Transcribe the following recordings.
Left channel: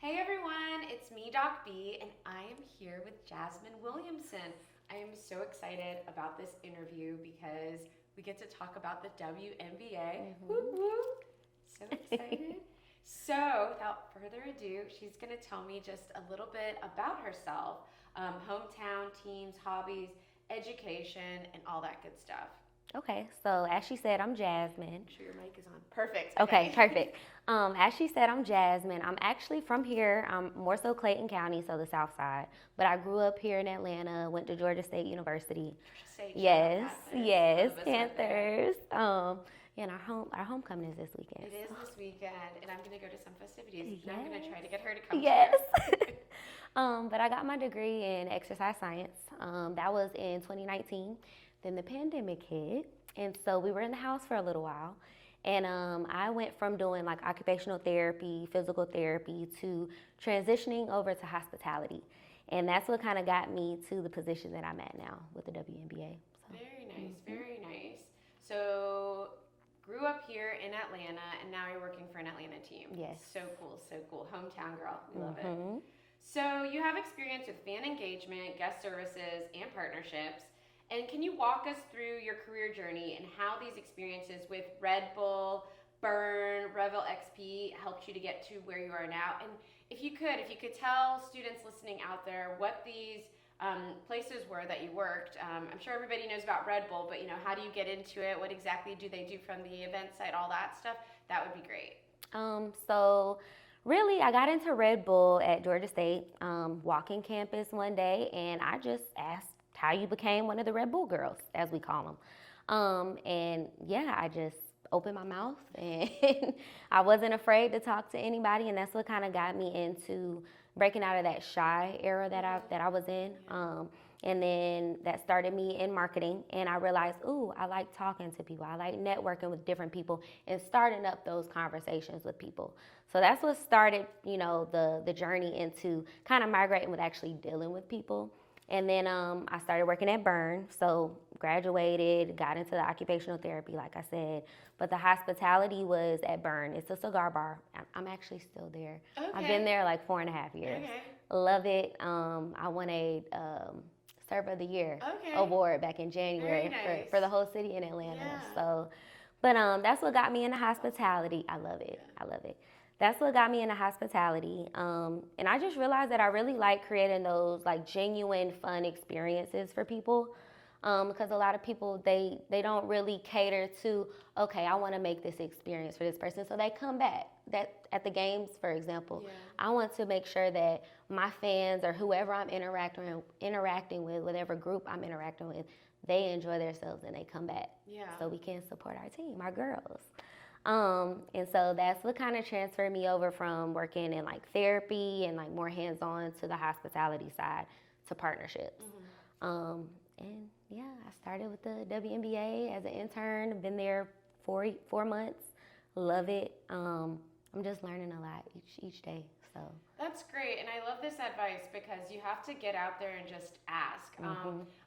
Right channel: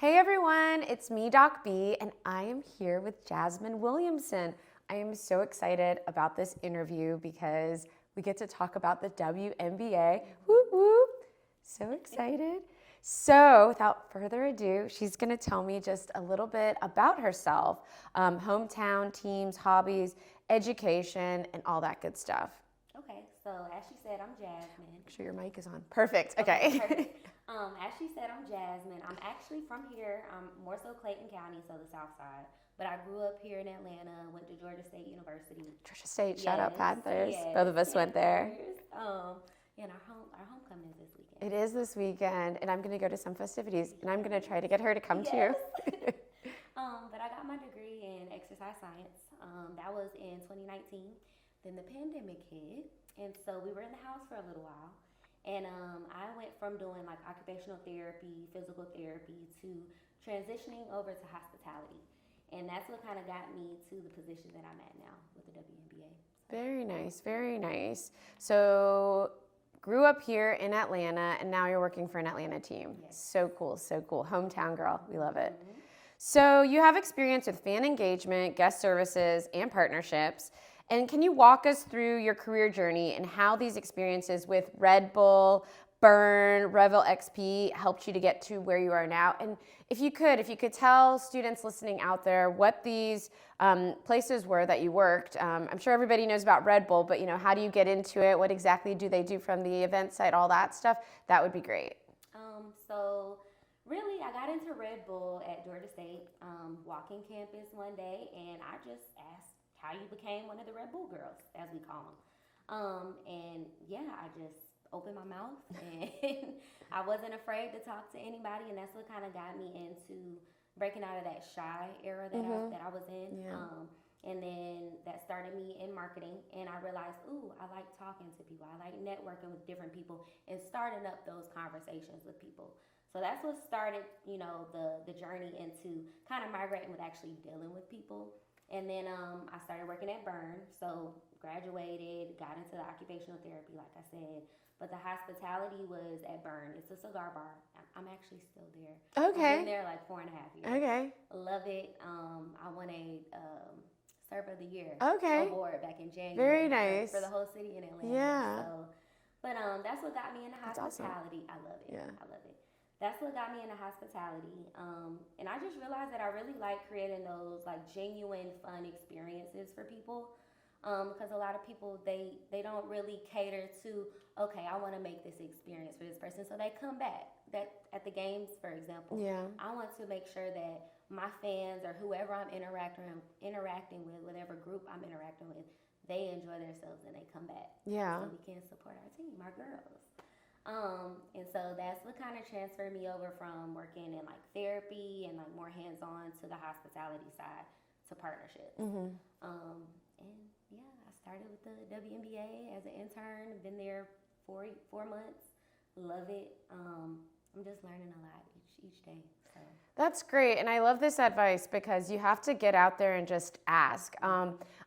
Hey everyone, it's me, Doc B, and I am here with Jasmin Williamson. I am so excited about this interview because we get to talk about the WNBA. Whoop whoop! So excited. So, without further ado, she's going to tell me just a little bit about herself, hometown, teams, hobbies, education, and all that good stuff. Okay, so as she said, I'm Jasmine. Make sure your mic is on. Perfect. Okay, perfect. As she said, I'm Jasmine. I'm actually from here. I'm more so Clayton County, so the South Side. But I grew up here in Atlanta. Went to Georgia State University. Georgia State, Yes, shout out Panthers. yes, Both of us went there. Panthers. And our homecoming is this weekend. It is this weekend, and I'm going to go to some festivities, and I'm going to try to get her to come Yes. too. But I got my degree in exercise science. That was in 2019. Then the pandemic hit, and so we were in the house for a little while. And I went from doing like occupational therapy, physical therapy, to transitioning over to hospitality. And that's what kind of got me to the position that I'm at now with the WNBA. So. Very nice, very nice. So, grew up here in Atlanta, and now you're working for an Atlanta team. Yes. So cool, so cool. Hometown girl, we love it. So, you have experience with fan engagement, guest services, and partnerships. And can you walk us through your career journey and how these experiences with Red Bull, Burn, Revel XP helped you to get to where you are now? And if you could tell students listening out there what these places were that you worked. I'm sure everybody knows about Red Bull, but how do you get into it? What exactly do they do from the event side? All that stuff. That would be great. So really, I got into Red Bull at Georgia State, walking campus one day, and I just asked how you became one of the Red Bull girls, as we call them. And yeah, I just opened my mouth and I wasn't afraid to talk to anybody, and that's what kind of got me into breaking out of that shy era that I was in. Yeah. And then that started me in marketing, and I realized, I like talking to people. I like networking with different people and starting up those conversations with people. So that's what started, the journey into kind of migrating with actually dealing with people. And then I started working at Burn, so graduated, got into the occupational therapy, like I said. But the hospitality was at Burn. It's a cigar bar. I'm actually still there. Okay. I've been there like 4.5 years. Okay. Love it. I won a Server of the Year award back in January. Very nice. For the whole city in Atlanta. Yeah. So, but that's what got me into hospitality. Awesome. I love it. Yeah. I love it. That's what got me into hospitality. And I just realized that I really like creating those like genuine fun experiences for people. Because a lot of people, they don't really cater to, okay, I want to make this experience for this person. So they come back. That at the games, for example, I want to make sure that my fans or whoever I'm interacting with, whatever group I'm interacting with, they enjoy themselves and they come back. Yeah. So we can support our team, our girls. And so that's what kind of transferred me over from working in like therapy and like more hands-on to the hospitality side to partnerships. And yeah, I started with the WNBA as an intern. Been there 4 months. Love it. I'm just learning a lot each day. So that's great, and I love this advice because you have to get out there and just ask.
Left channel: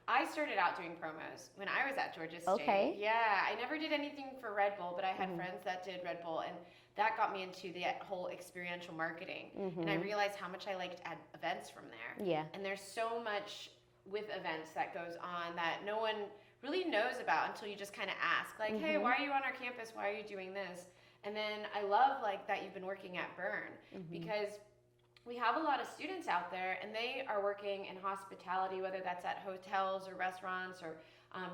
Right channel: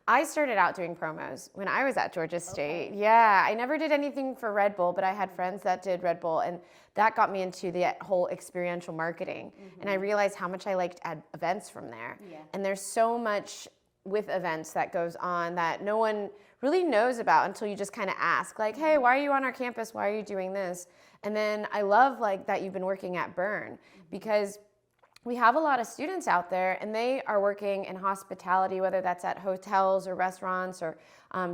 I started out doing promos when I was at Georgia State. Okay. Yeah, I never did anything for Red Bull, but I had friends that did Red Bull, and that got me into the whole experiential marketing. And I realized how much I liked events from there. Yeah. And there's so much with events that goes on that no one really knows about until you just kind of ask, like, hey, why are you on our campus? Why are you doing this? And then I love like that you've been working at Burn because we have a lot of students out there and they are working in hospitality, whether that's at hotels or restaurants or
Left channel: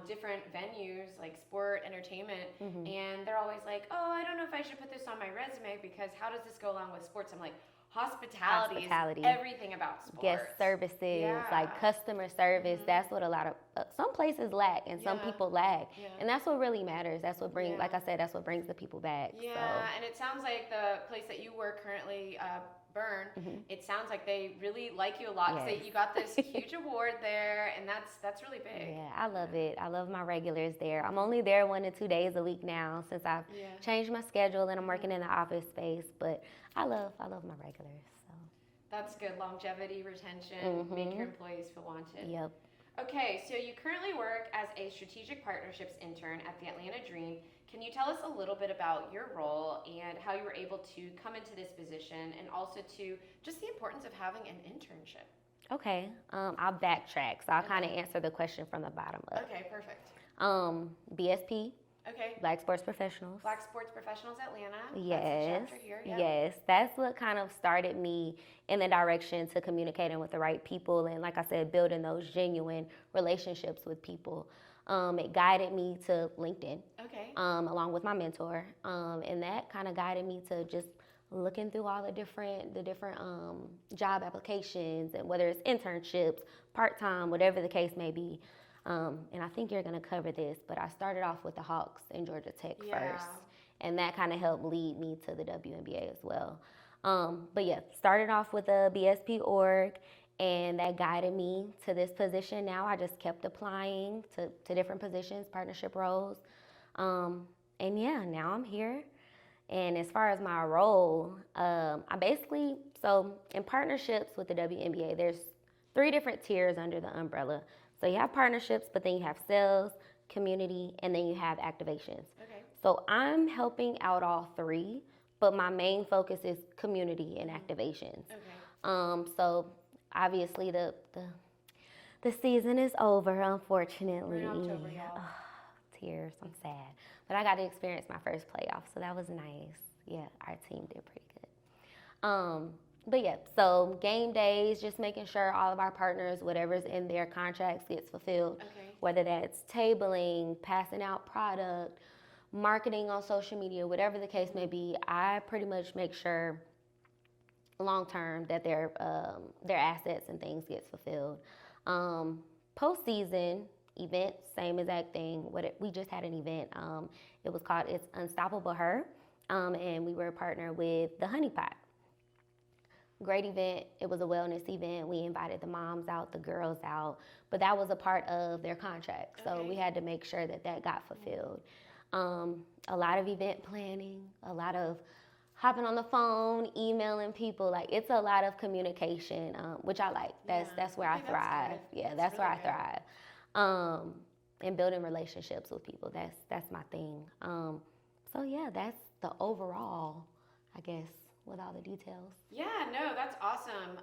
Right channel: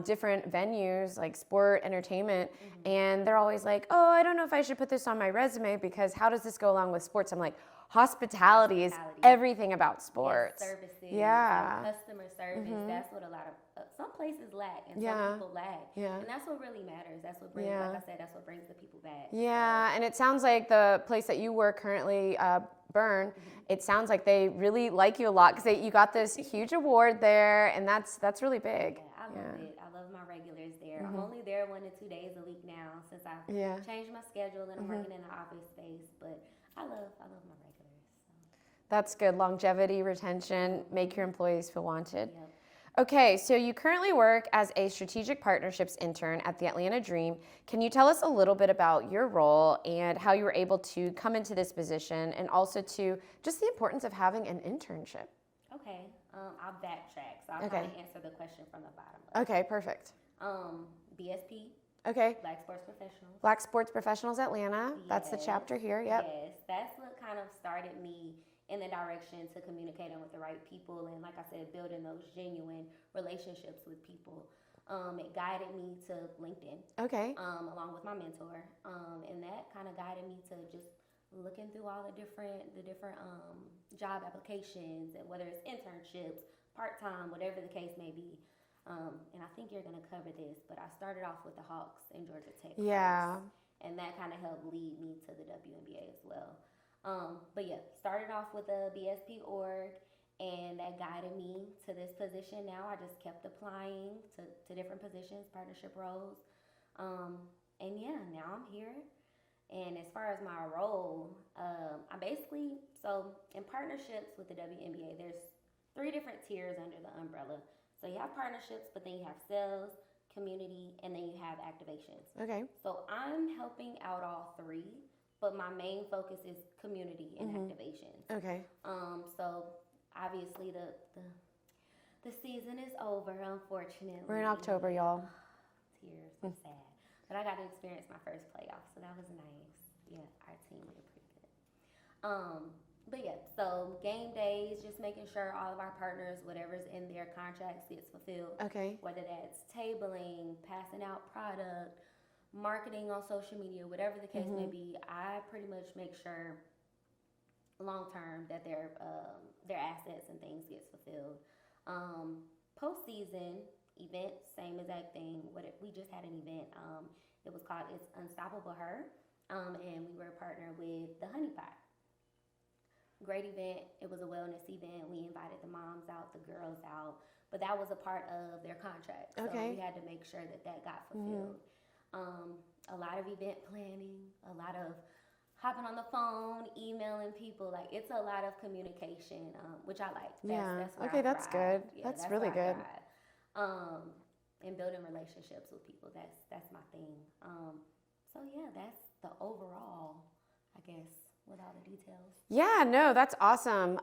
different venues like sport, entertainment. And they're always like, oh, I don't know if I should put this on my resume because how does this go along with sports? I'm like, hospitality is everything about sports. Guest services, like customer service. That's what a lot of, some places lack and some people lag. And that's what really matters. That's what brings, like I said, that's what brings the people back. Yeah, so. And it sounds like the place that you work currently, Burn, it sounds like they really like you a lot because you got this huge award there, and that's really big. Yeah, I love it. I love my regulars there. I'm only there 1 to 2 days a week now since I've changed my schedule and I'm working in the office space, but I love my regulars. So. That's good. Longevity, retention, make your employees feel wanted. Yep. Okay, so you currently work as a strategic partnerships intern at the Atlanta Dream. Can you tell us a little bit about your role and how you were able to come into this position, and also to just the importance of having an internship? Okay, I'll backtrack. So I'll kind of Okay. answer the question from the bottom up. Okay, perfect. BSP, Okay. Black Sports Professionals. Black Sports Professionals Atlanta. That's the Yes. chapter here. Yep. Yes, that's what kind of started me in the direction to communicating with the right people, and like I said, building those genuine relationships with people. It guided me to LinkedIn, Okay. along with my mentor, and that kind of guided me to just looking through all the different job applications, and whether it's internships, part time, whatever the case may be. And I think you're going to cover this, but I started off with the Hawks in Georgia Tech Yeah. first, and that kind of helped lead me to the WNBA as well. But yeah, started off with a BSP org, and that guided me to this position. Now I just kept applying to different positions, partnership roles. And yeah, now I'm here. And as far as my role, I basically, so in partnerships with the WNBA, there's 3 different tiers under the umbrella. So you have partnerships, but then you have sales, community, and then you have activations. Okay. So I'm helping out all 3, but my main focus is community and activations. Okay. So obviously the season is over, unfortunately. We're in October, y'all. Tears, I'm sad. But I got to experience my first playoff, so that was nice. Yeah, our team did pretty good. But yeah, so game days, just making sure all of our partners, whatever's in their contracts gets fulfilled. Okay. Whether that's tabling, passing out product, marketing on social media, whatever the case may be, I pretty much make sure long term that their assets and things gets fulfilled. Postseason event, same exact thing. We just had an event. It was called It's Unstoppable Her, and we were a partner with the Honey Pot. Great event. It was a wellness event. We invited the moms out, the girls out, but that was a part of their contract. So Okay. we had to make sure that got fulfilled. A lot of event planning, a lot of hopping on the phone, emailing people. Like, it's a lot of communication, which I like. That's where I thrive. That's good. Yeah, That's that's really where good. I thrive. And building relationships with people. That's my thing. So yeah, that's the overall, I guess, with all the details. Yeah, no, that's awesome.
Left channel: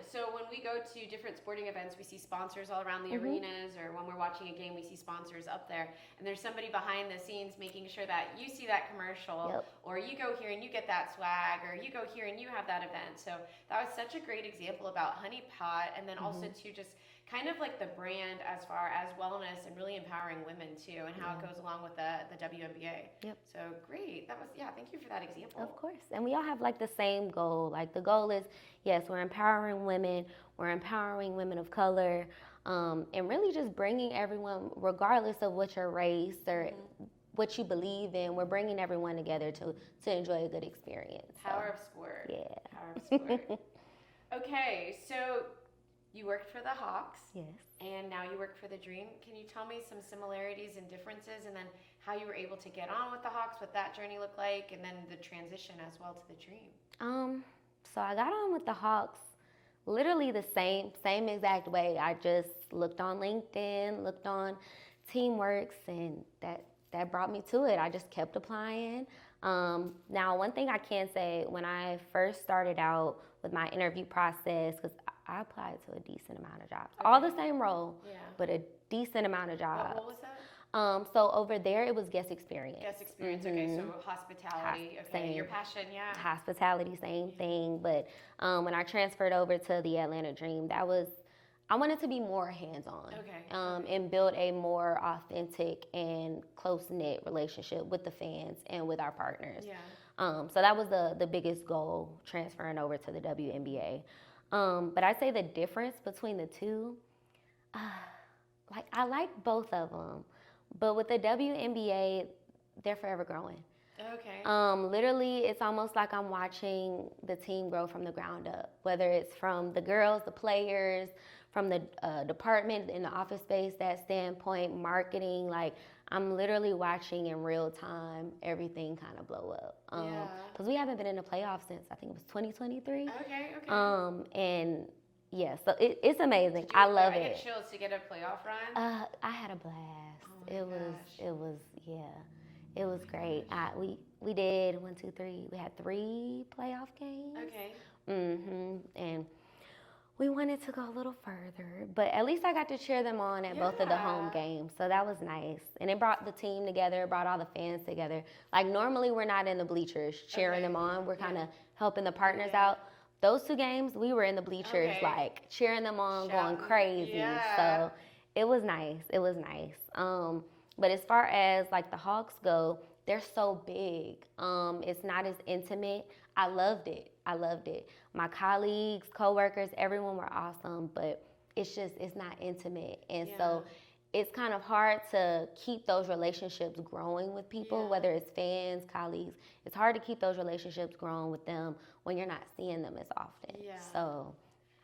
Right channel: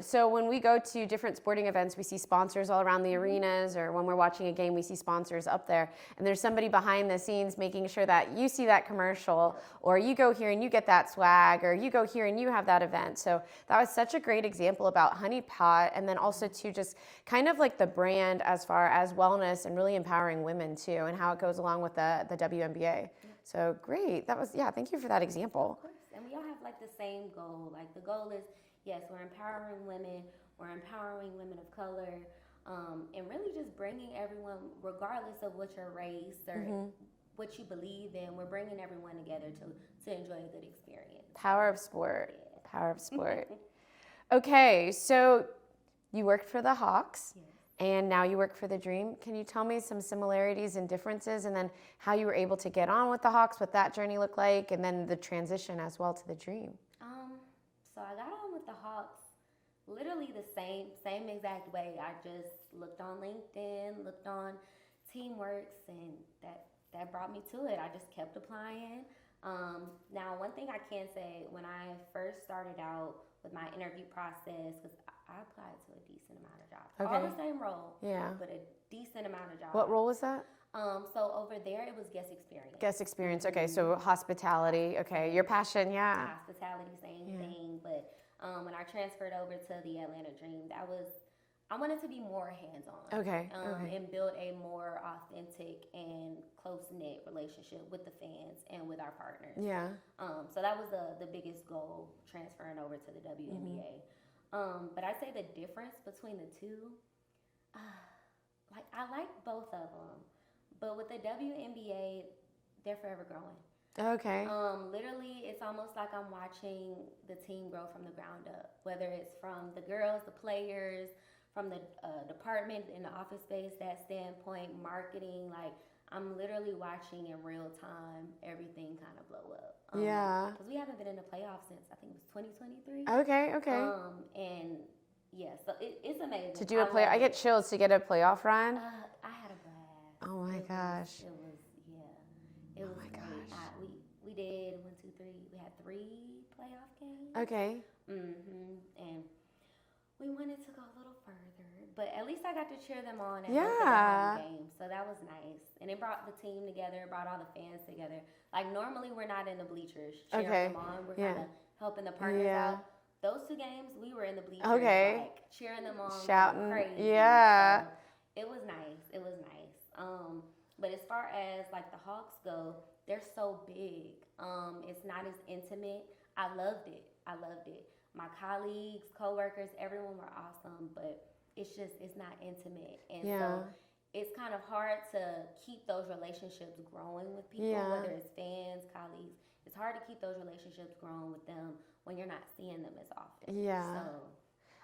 So when we go to different sporting events, we see sponsors all around the arenas, or when we're watching a game, we see sponsors up there. And there's somebody behind the scenes making sure that you see that commercial, Yep. or you go here and you get that swag, or you go here and you have that event. So that was such a great example about Honey Pot, and then also to just kind of like the brand as far as wellness and really empowering women too, and how it goes along with the WNBA. Yep. So great. That was, yeah, thank you for that example. Of course. And we all have like the same goal. Like, the goal is, yes, we're empowering women of color, and really just bringing everyone, regardless of what your race or what you believe in, we're bringing everyone together to enjoy a good experience. Power of sport. Yeah. Power of sport. Okay, so you worked for the Hawks. Yes. And now you work for the Dream. Can you tell me some similarities and differences, and then how you were able to get on with the Hawks, what that journey looked like, and then the transition as well to the Dream? So I got on with the Hawks literally the same exact way. I just looked on LinkedIn, looked on Teamworks, and that brought me to it. I just kept applying. Now, one thing I can say, when I first started out with my interview process, because I applied to a decent amount of jobs. Okay. All the same role, Yeah. but a decent amount of jobs. What role was that? So over there, it was guest experience. Guest experience. Okay, so hospitality. Okay, Same. your passion. Yeah. Hospitality, same thing. But when I transferred over to the Atlanta Dream, I wanted to be more hands-on. Okay. And build a more authentic and close-knit relationship with the fans and with our partners. Yeah. So that was the biggest goal, transferring over to the WNBA. But I'd say the difference between the two, like, I like both of them, but with the WNBA, they're forever growing. Okay. Literally, it's almost like I'm watching the team grow from the ground up, whether it's from the girls, the players, from the department in the office space, that standpoint, marketing. Like, I'm literally watching in real time everything kind of blow up. Yeah. Because we haven't been in the playoffs since, I think it was 2023. Okay. And Yeah, so it's amazing. Did you I love I it. get chills to get a playoff run. I had a blast. Oh my gosh. It was great. We did 1, 2, 3. We had 3 playoff games. Okay. And we wanted to go a little further, but at least I got to cheer them on at both of the home games, so that was nice. And it brought the team together, it brought all the fans together. Like normally we're not in the bleachers cheering them on. We're kind of helping the partners out. Those 2 games, we were in the bleachers, like cheering them on, shouting, going crazy. Yeah. So it was nice. It was nice. But as far as like the Hawks go, they're so big. It's not as intimate. I loved it. My colleagues, coworkers, everyone were awesome, but it's not intimate. And so it's kind of hard to keep those relationships growing with people, whether it's fans, colleagues. It's hard to keep those relationships growing with them when you're not seeing them as often. Yeah. So,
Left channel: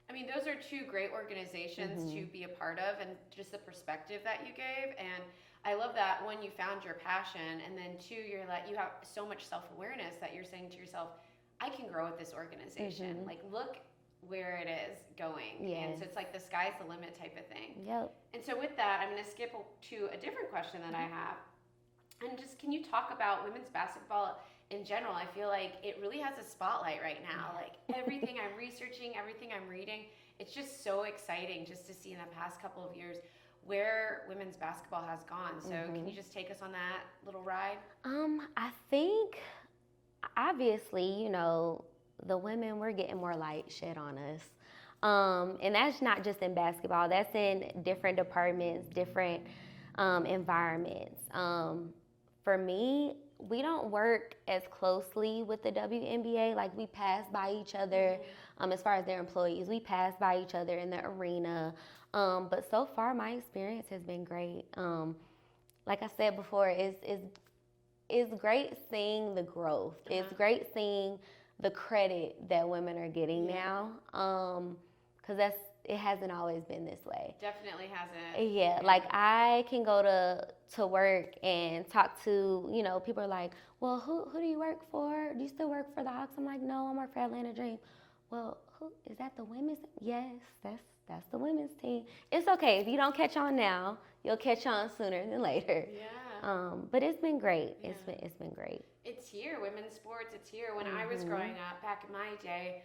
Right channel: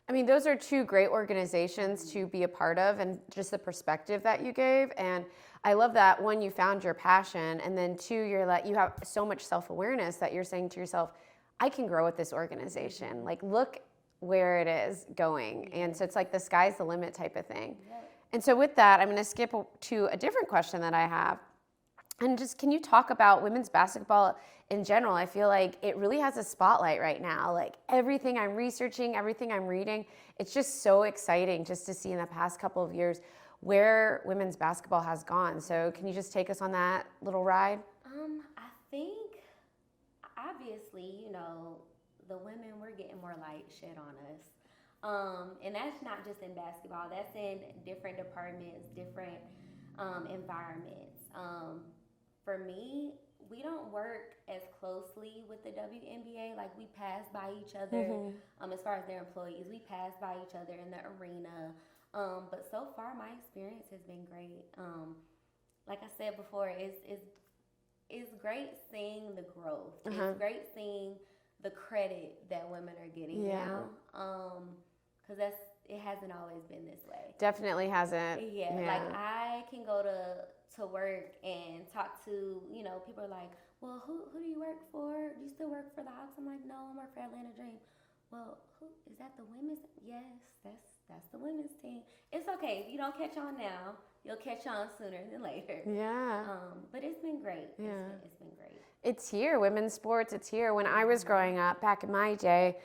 I mean, those are 2 great organizations to be a part of, and just the perspective that you gave. And I love that, 1, you found your passion, and then 2, you have so much self-awareness that you're saying to yourself, I can grow with this organization. Like, look where it is going. And so it's like the sky's the limit type of thing. Yep. And so with that, I'm going to skip to a different question that I have. And just, can you talk about women's basketball in general? I feel like it really has a spotlight right now. Like, everything I'm researching, everything I'm reading, it's just so exciting just to see in the past couple of years where women's basketball has gone. So can you just take us on that little ride? I think, obviously, you know, the women, we're getting more light shed on us. And that's not just in basketball. That's in different departments, different environments. For me, we don't work as closely with the WNBA. Like, we pass by each other as far as their employees. We pass by each other in the arena. But so far, my experience has been great. Like I said before, it's great seeing the growth. It's great seeing the credit that women are getting now. Because it hasn't always been this way. Definitely hasn't. Yeah, like I can go to work and talk to, you know, people are like, well, who do you work for? Do you still work for the Hawks? I'm like, no, I work for Atlanta Dream. Well, who is that, the women's? Yes, that's the women's team. It's okay. If you don't catch on now, you'll catch on sooner than later. Yeah. But it's been great. It's been great. It's here. Women's sports, it's here. When I was growing up, back in my day,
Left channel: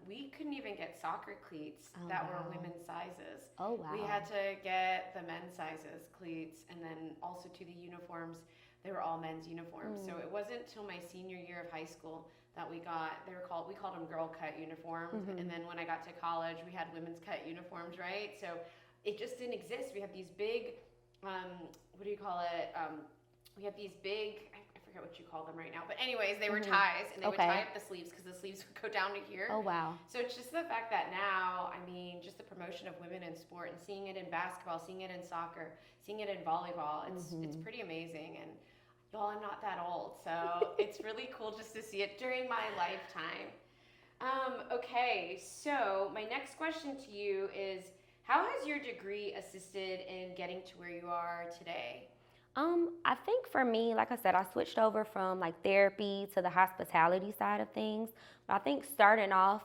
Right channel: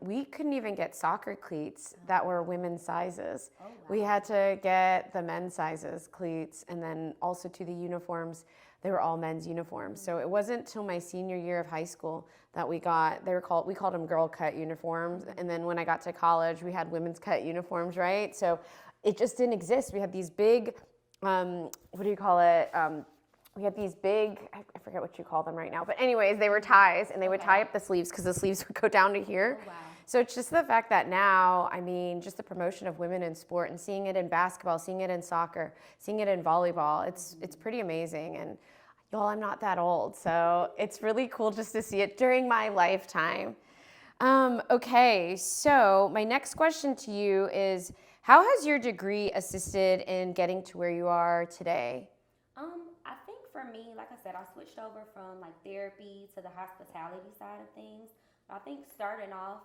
we couldn't even get soccer cleats that were women's sizes. Oh, wow. We had to get the men's sizes cleats, and then also to the uniforms, they were all men's uniforms. So it wasn't till my senior year of high school that we called them girl cut uniforms. And then when I got to college, we had women's cut uniforms, right? So it just didn't exist. We had these big, what do you call it? We had these big, I forget what you call them right now, but anyways, they were ties, and they would tie up the sleeves because the sleeves would go down to here. Oh, wow. So it's just the fact that now, I mean, just the promotion of women in sport and seeing it in basketball, seeing it in soccer, seeing it in volleyball, it's pretty amazing. And y'all, I'm not that old, so it's really cool just to see it during my lifetime. Okay, so my next question to you is, how has your degree assisted in getting to where you are today? I think for me, like I said, I switched over from like therapy to the hospitality side of things. But I think starting off,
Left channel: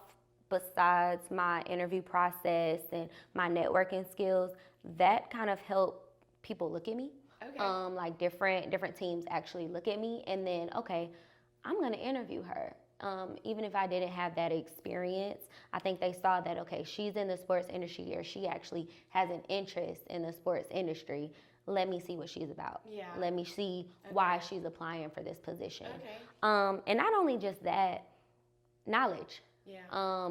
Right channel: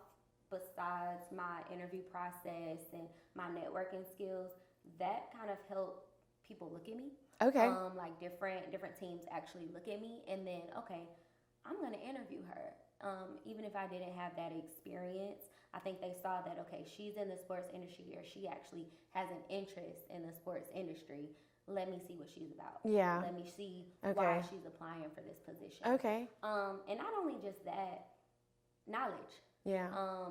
besides my interview process and my networking skills, that kind of helped people look at me. Okay. Like different teams actually look at me, and then, okay, I'm gonna interview her. Even if I didn't have that experience, I think they saw that, okay, she's in the sports industry, or she actually has an interest in the sports industry. Let me see what she's about. Yeah. Let me see why she's applying for this position. Okay. And not only just that, knowledge. Yeah.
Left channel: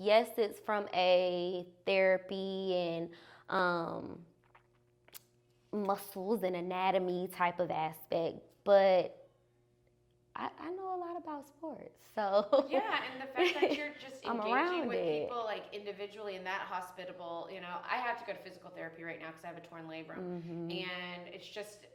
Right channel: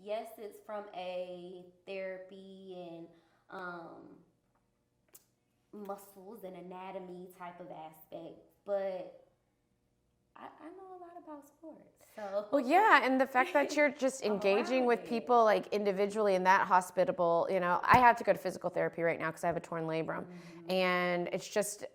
Yes, it's from a therapy and muscles and anatomy type of aspect, but I know a lot about sports. So well, yeah, and the fact that you're just engaging with people like individually and that hospitable, you know, I have to go to physical therapy right now because I have a torn labrum. And it's just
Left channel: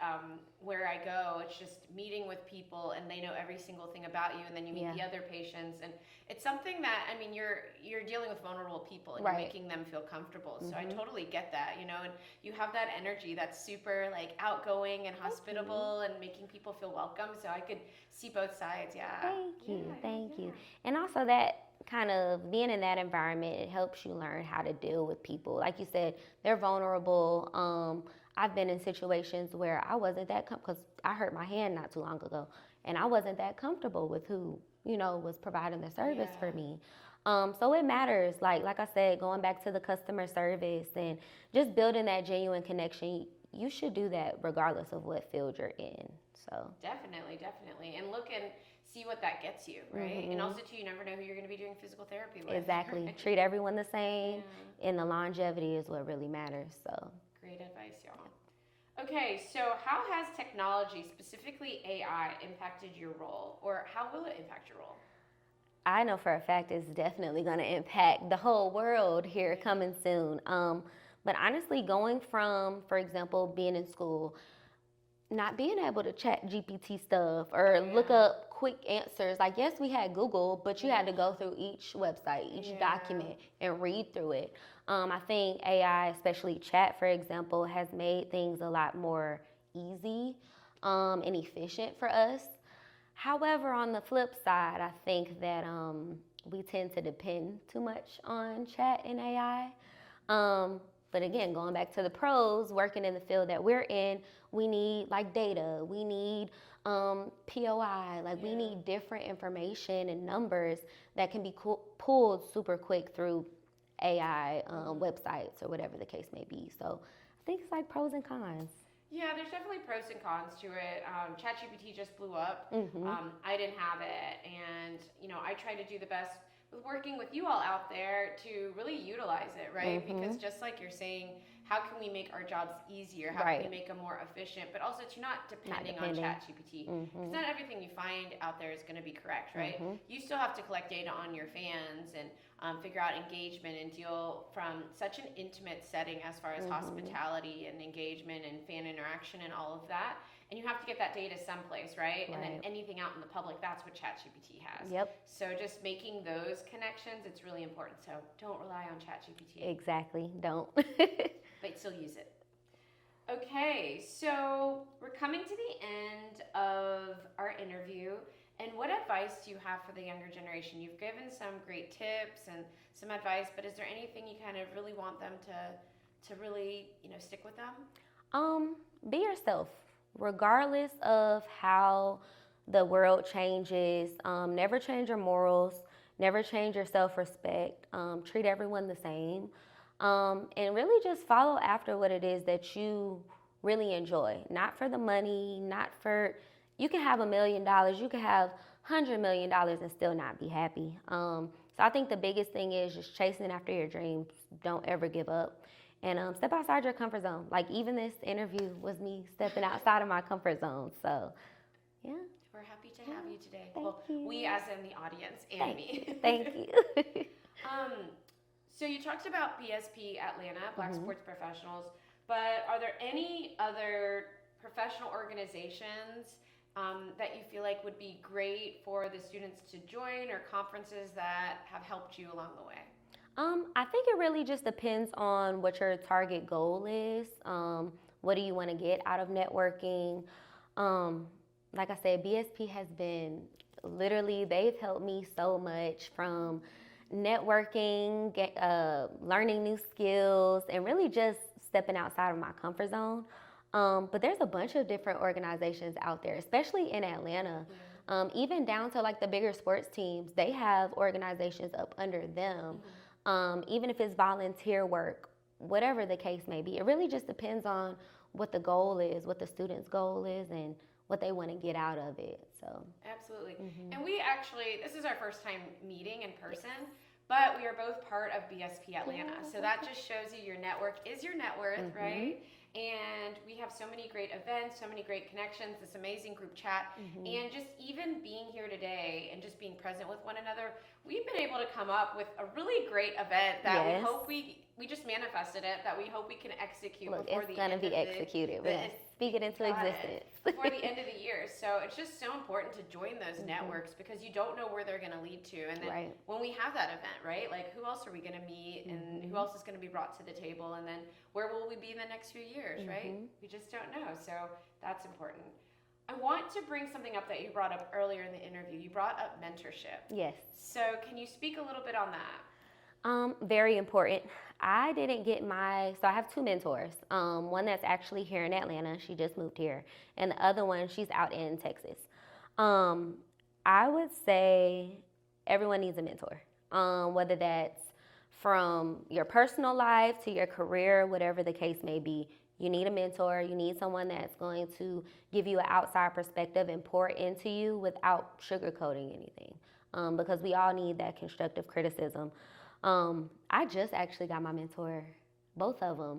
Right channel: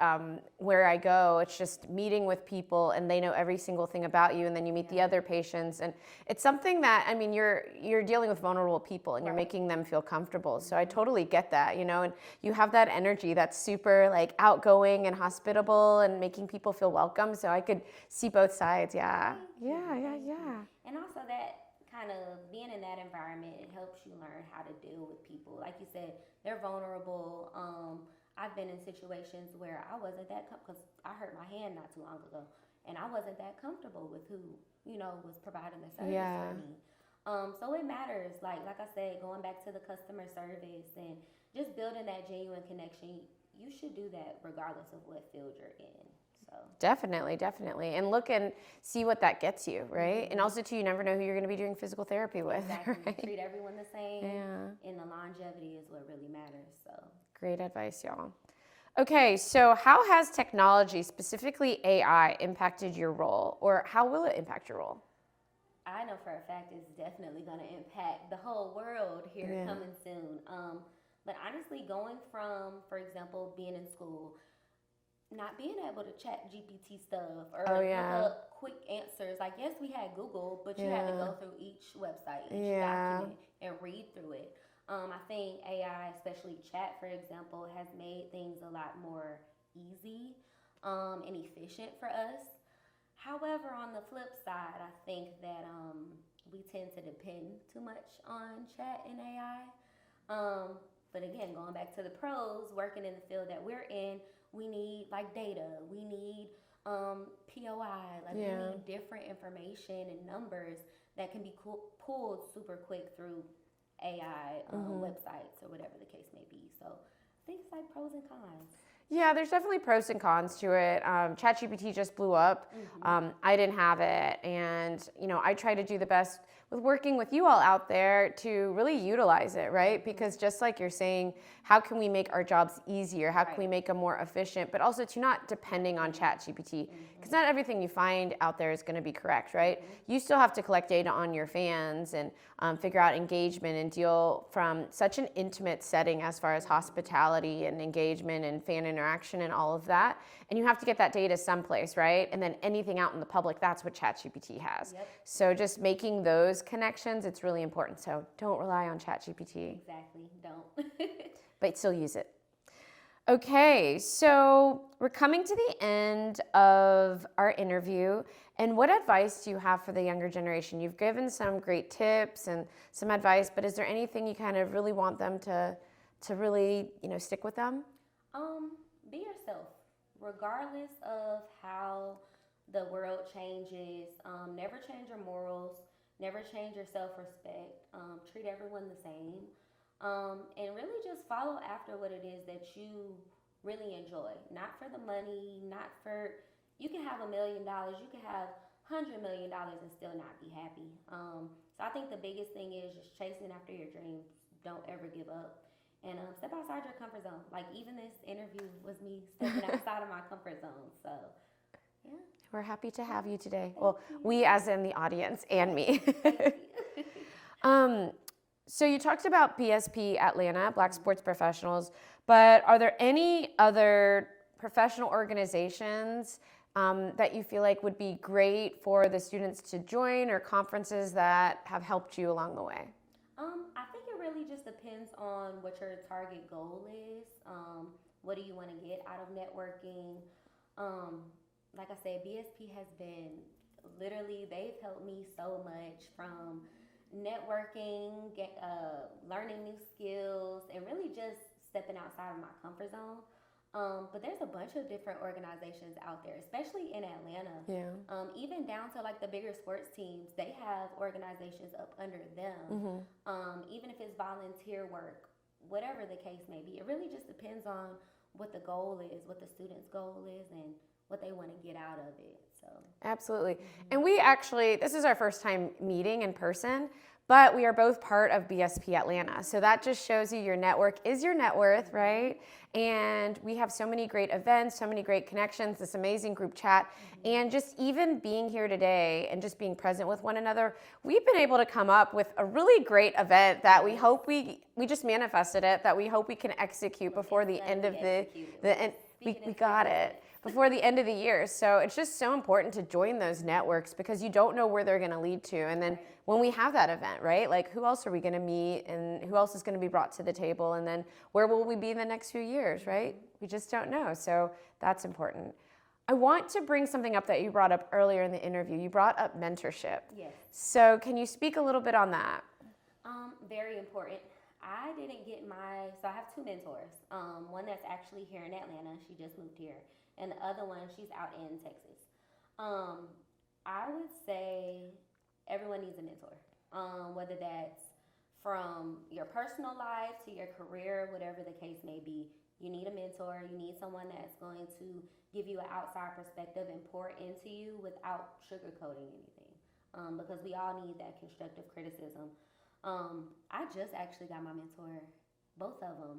where I go, it's just meeting with people, and they know every single thing about you, and then you meet the other patients, and it's something that, I mean, you're dealing with vulnerable people, and you're making them feel comfortable. So I totally get that, you know, and you have that energy that's super like outgoing and hospitable and making people feel welcome. So I could see both sides. Yeah. Thank you. And also that kind of being in that environment, it helps you learn how to deal with people. Like you said, they're vulnerable. I've been in situations where I wasn't that because I hurt my hand not too long ago, and I wasn't that comfortable with who was providing the service for me. So it matters. Like I said, going back to the customer service and just building that genuine connection. You should do that regardless of what field you're in. So definitely. And look and see what that gets you, right? And also too, you never know who you're going to be doing physical therapy with. Exactly. Right? Treat everyone the same, and the longevity is what really matters. So great advice, y'all. Okay, so how has technology, specifically AI, impacted your role, or how will it impact your role? I know for a fact it's definitely going to impact the whole world here coming soon. But honestly, going from, for example, being in school, not being able to chat GPT stuff or look up quick answers. Like, yes, we had Google, but you had to go through each website, each document, and read through it. I think AI, especially chat, for example, has made things a lot more easy and efficient for us. However, on the flip side, I think that we tend to depend too much on chat and AI. But again, going back to the pros, working in the field that we're in, we need like data, we need POI, we need different information and numbers that can be pulled super quick through AI websites or whatever the case may be. So I think it's like pros and cons. Yeah, there's definitely pros and cons to it. ChatGPT just blew up. I didn't have it, and I try to do the best with working with you all out there to really utilize it, right? Because just like you're saying, how can we make our jobs easier? How can we make them more efficient? But also to not depending on ChatGPT, because not everything you find out there is going to be correct, right? You still have to collect data on your fans and figure out engagement and deal from such an intimate setting as far as hospitality and engagement and fan interaction and all of that. And you have to get that data someplace, right? And then anything out in the public, that's what ChatGPT has. So just making those connections, it's really important. So don't rely on ChatGPT. Exactly, don't. But still use it. Okay, so we're coming to the end of our interview. And what advice do you have for the younger generation? You've given some great tips and some advice, but is there anything you kind of really want them to really, stick with them? Be yourself, regardless of how the world changes. Never change your morals, never change your self-respect. Treat everyone the same. And really just follow after what it is that you really enjoy. Not for the money, not for, you can have $1 million, you can have $100 million and still not be happy. So I think the biggest thing is just chasing after your dreams. Don't ever give up. And step outside your comfort zone. Like even this interview was me stepping outside of my comfort zone. So, yeah. We're happy to have you today. We as in the audience and me. Thank you. So you talked about BSP Atlanta, Black Sports Professionals, but are there any other professional organizations that you feel like would be great for the students to join, or conferences that have helped you along the way? I think it really just depends on what your target goal is. What do you want to get out of networking? Like I said, BSP has been literally, they've helped me so much from networking, learning new skills, and really just stepping outside of my comfort zone. But there's a bunch of different organizations out there, especially in Atlanta. Even down to like the bigger sports teams, they have organizations up under them. Even if it's volunteer work, whatever the case may be, it really just depends on what the goal is, what the student's goal is, and what they want to get out of it. So absolutely. And we actually, this is our first time meeting in person, but we are both part of BSP Atlanta. So that just shows you your network is your net worth, right? And we have so many great events, so many great connections, this amazing group chat. And just even being here today and just being present with one another, we've been able to come up with a really great event that we hope we just manifested it, that we hope we can execute before the end of before the end of the year. So it's just so important to join those networks, because you don't know where they're going to lead to. And then when we have that event, right, like who else are we going to meet, and who else is going to be brought to the table, and then where will we be in the next few years, right? We just don't know. So that's important. I want to bring something up that you brought up earlier in the interview. You brought up mentorship. Yes. So can you speak a little bit on that? Very important. I didn't get so I have two mentors. One that's actually here in Atlanta. She just moved here. And the other one, she's out in Texas. I would say everyone needs a mentor. Whether that's from your personal life to your career, whatever the case may be. You need a mentor. You need someone that's going to give you an outside perspective and pour into you without sugarcoating anything. Because we all need that constructive criticism. I just actually got my mentor, both of them.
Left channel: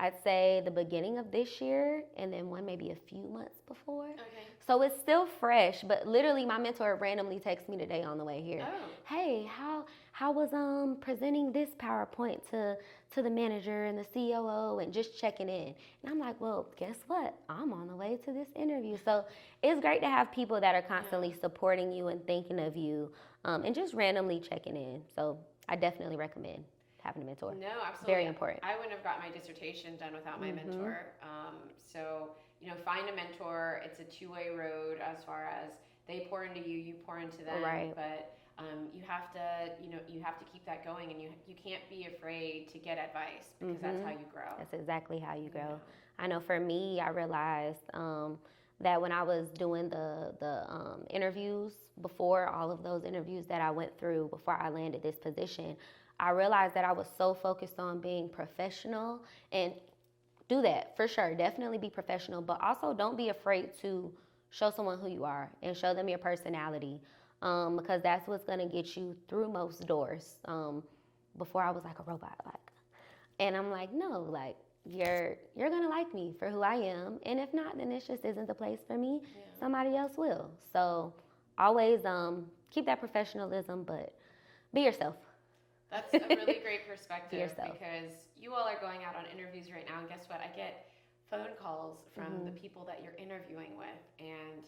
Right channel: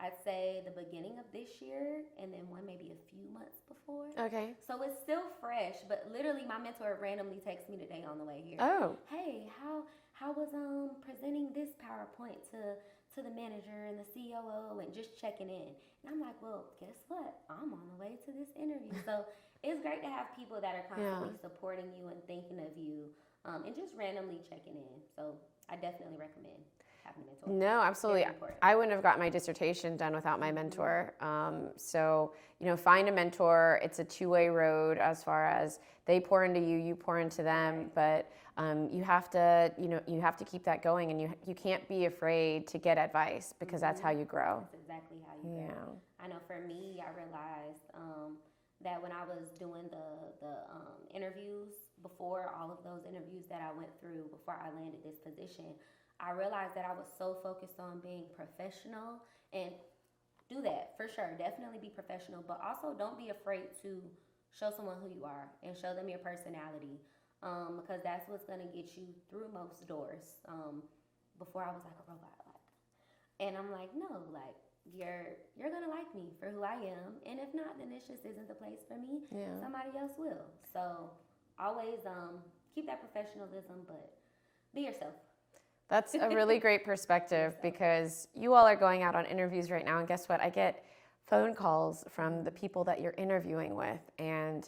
I'd say the beginning of this year and then one maybe a few months before. Okay. So it's still fresh, but literally my mentor randomly texted me today on the way here. Oh. Hey, how was presenting this PowerPoint to the manager and the COO and just checking in. And I'm like, well, guess what? I'm on the way to this interview. So it's great to have people that are constantly supporting you and thinking of you and just randomly checking in. So I definitely recommend having a mentor. No, absolutely. Very important. I wouldn't have gotten my dissertation done without my mentor. So, find a mentor. It's a two-way road as far as they pour into you, you pour into them. Right. But you have to, you have to keep that going, and you can't be afraid to get advice because that's how you grow. That's exactly how you grow. Yeah. I know for me, I realized that when I was doing the interviews, before all of those interviews that I went through before I landed this position, I realized that I was so focused on being professional, and do that for sure. Definitely be professional, but also don't be afraid to show someone who you are and show them your personality, because that's what's gonna get you through most doors. Before I was like a robot, and I'm like, no, you're gonna like me for who I am, and if not, then it just isn't the place for me. Yeah. Somebody else will. So always keep that professionalism, but be yourself. That's a really great perspective because you all are going out on interviews right now, and guess what? I get phone calls from the people that you're interviewing with, and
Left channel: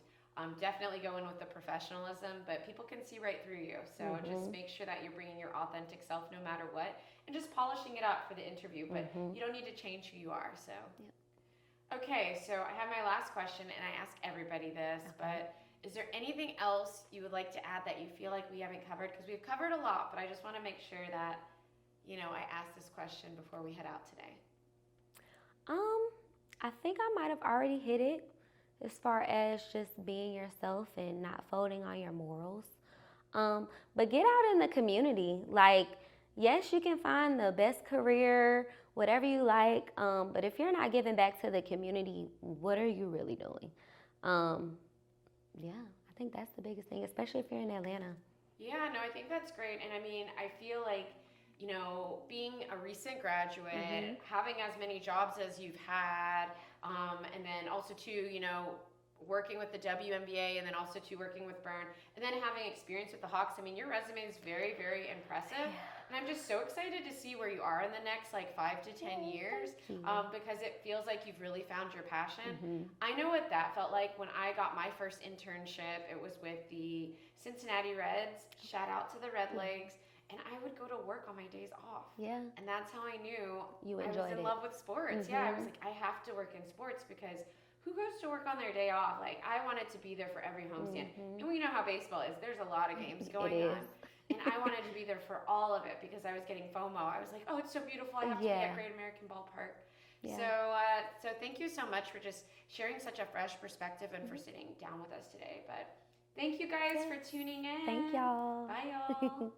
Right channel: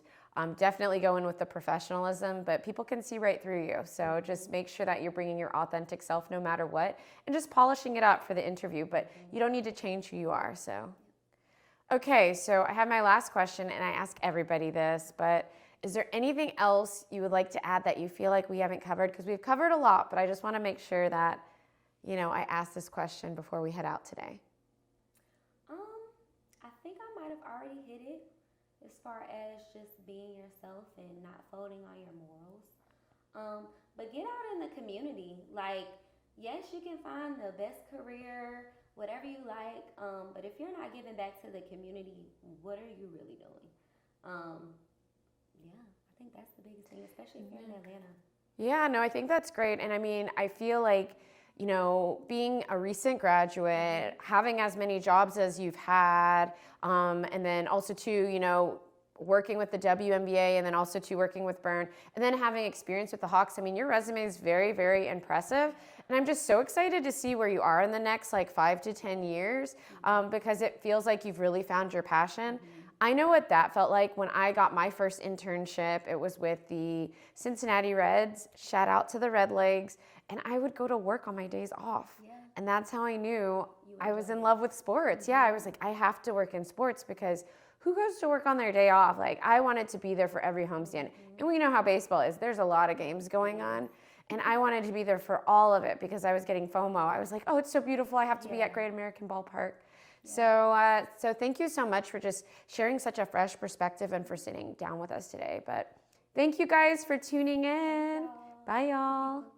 definitely go in with the professionalism, but people can see right through you. So just make sure that you're bringing your authentic self no matter what, and just polishing it up for the interview, but you don't need to change who you are. So, okay, so I have my last question, and I ask everybody this, but is there anything else you would like to add that you feel like we haven't covered? Because we've covered a lot, but I just want to make sure that, I ask this question before we head out today. I think I might have already hit it as far as just being yourself and not folding on your morals. But get out in the community. Yes, you can find the best career, whatever you like, but if you're not giving back to the community, what are you really doing? Yeah, I think that's the biggest thing, especially if you're in Atlanta. Yeah, no, I think that's great. And I feel like, being a recent graduate, having as many jobs as you've had, and then also too, working with the WNBA and then also too working with Burn, and then having experience with the Hawks. Your resume is very, very impressive. And I'm just so excited to see where you are in the next 5 to 10 years, because it feels like you've really found your passion. I know what that felt like when I got my first internship. It was with the Cincinnati Reds. Shout out to the Red Legs. And I would go to work on my days off. Yeah. And that's how I knew I was in love with sports. Yeah, I was like, I have to work in sports because who goes to work on their day off? I wanted to be there for every homestand. And we know how baseball is. There's a lot of games going on. And I wanted to be there for all of it because I was getting FOMO. I was like, oh, it's so beautiful. I have to be at Great American Ballpark. Yeah. So thank you so much for just sharing such a fresh perspective and for sitting down with us today. But thank you guys for tuning in. Thank y'all. Bye, y'all.